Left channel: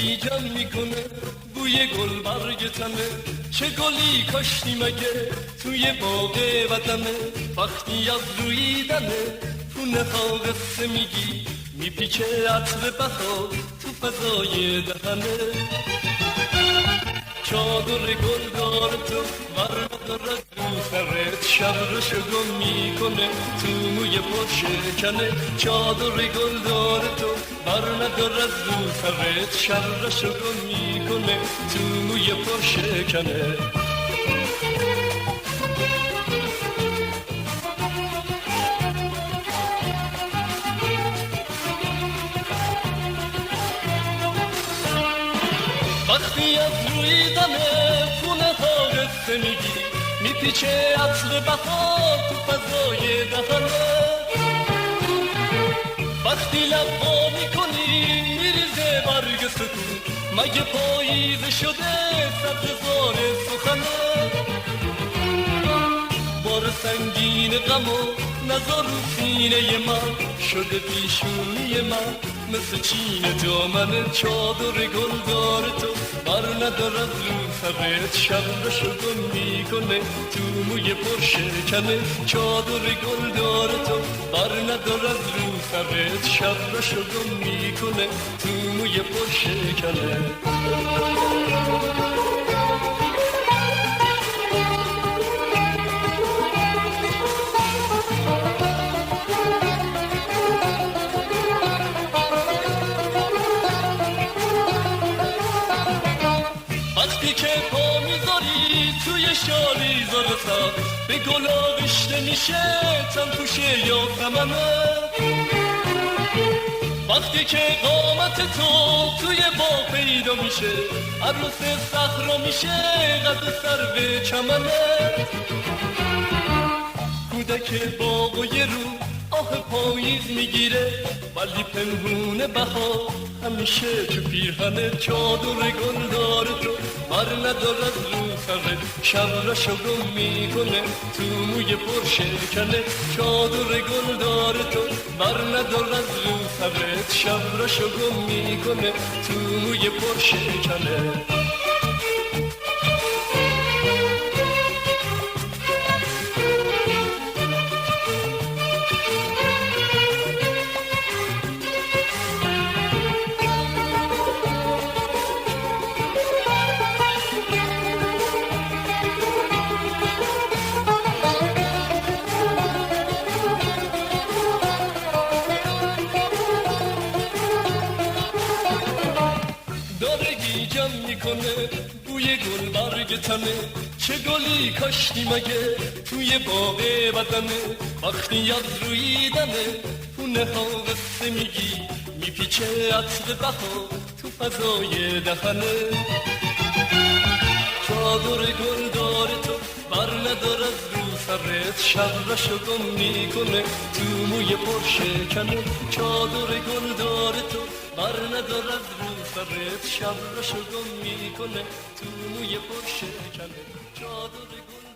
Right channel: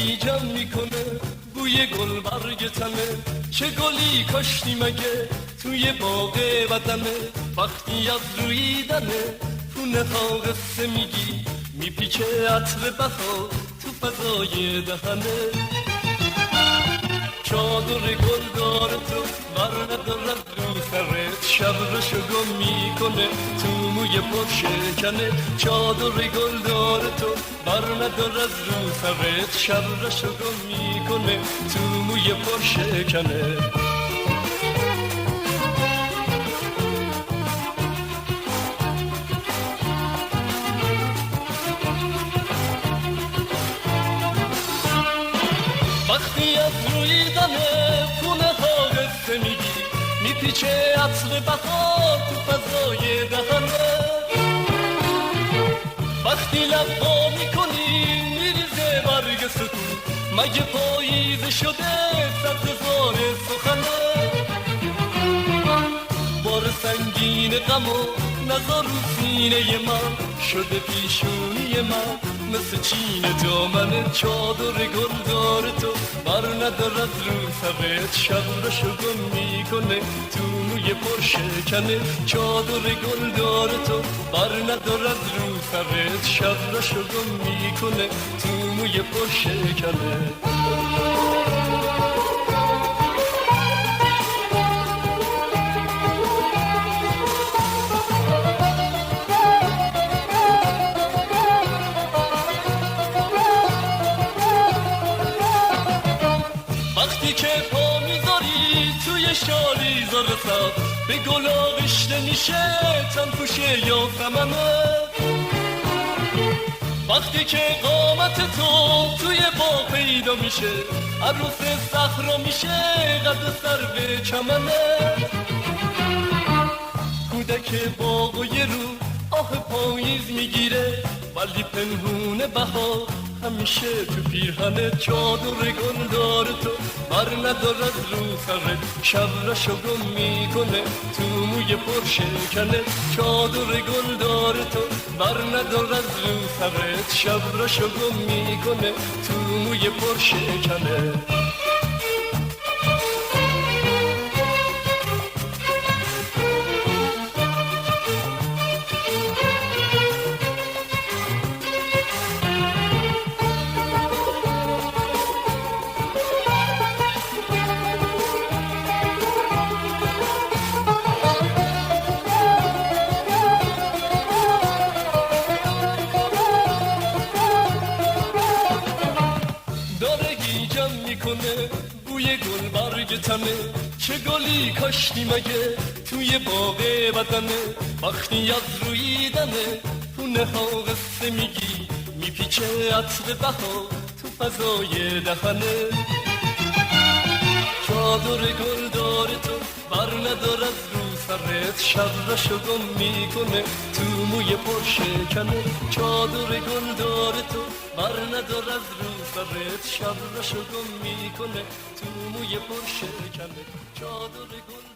گیجم میکنه بوی گل برگ تنه، چه گلی کاشتی مگه توی باغ وطنه. وقتی از رویدنه خونه ها قصه میگی، میپیچه عطر بهار تو فضای دهنه. چادر گل داره تو بر نداره رو سرت، شب رو شگم میکنه تو موی پرشکنه. چادر گل داره تو بر نداره رو سرت، شب رو شگم میکنه تو موی پرشکنه. وقتی از روی دمه خونه ها قصه میگی، میپیچه عطر بهار تو فضای دهنه. وقتی لبا میکنی میریزه برگ سکون، مگه پاییزه شده سبززار سخنه. بار سنگین غم و نزار رو سینه من، شده پیشونی من مثل چین جامنه. چادر گل داره تو بر ندارد رو سبت، شب رو شگم میکنه تو موی پرشکنه. چادر گل داره تو بر ندارد رو سبت، شب رو شگم میکنه تو موی پرشکنه. وقتی که پا میذاری توی شالی زرسا، به گلا رشته میشه چند توشه یا خممه. وقتی که قامت تو توی با پیدا میشه، عروس صحرا میشه قد سر به چمنه. کودک باغ و یه رو آه پاییز میگیره، ولی پنهونه بها همیشه تو پیرهنه. چادر گل داره تو بر ندارد رو سرت، شب را شگم میکنه تو موی پرشکنه. چادر گل داره تو بر ندارد رو سرت، شب را شگم میکنه تو موی پرشکنه. بوی گل برگ تنه، چه گلی کاشتی مگه توی باغ وطنه. وقتی از روی دمه خونه ها قصه میگی، میپیچه عطر بهار تو فضای دهنه. چادر گل داره تو بر ندارد رو سرت، شب را شگم میکنه تو موی پرشکنه. چادر گل داره تو بر ندارد رو سرت، شب را شگم میکنه تو موی پرشکنه. چادر گل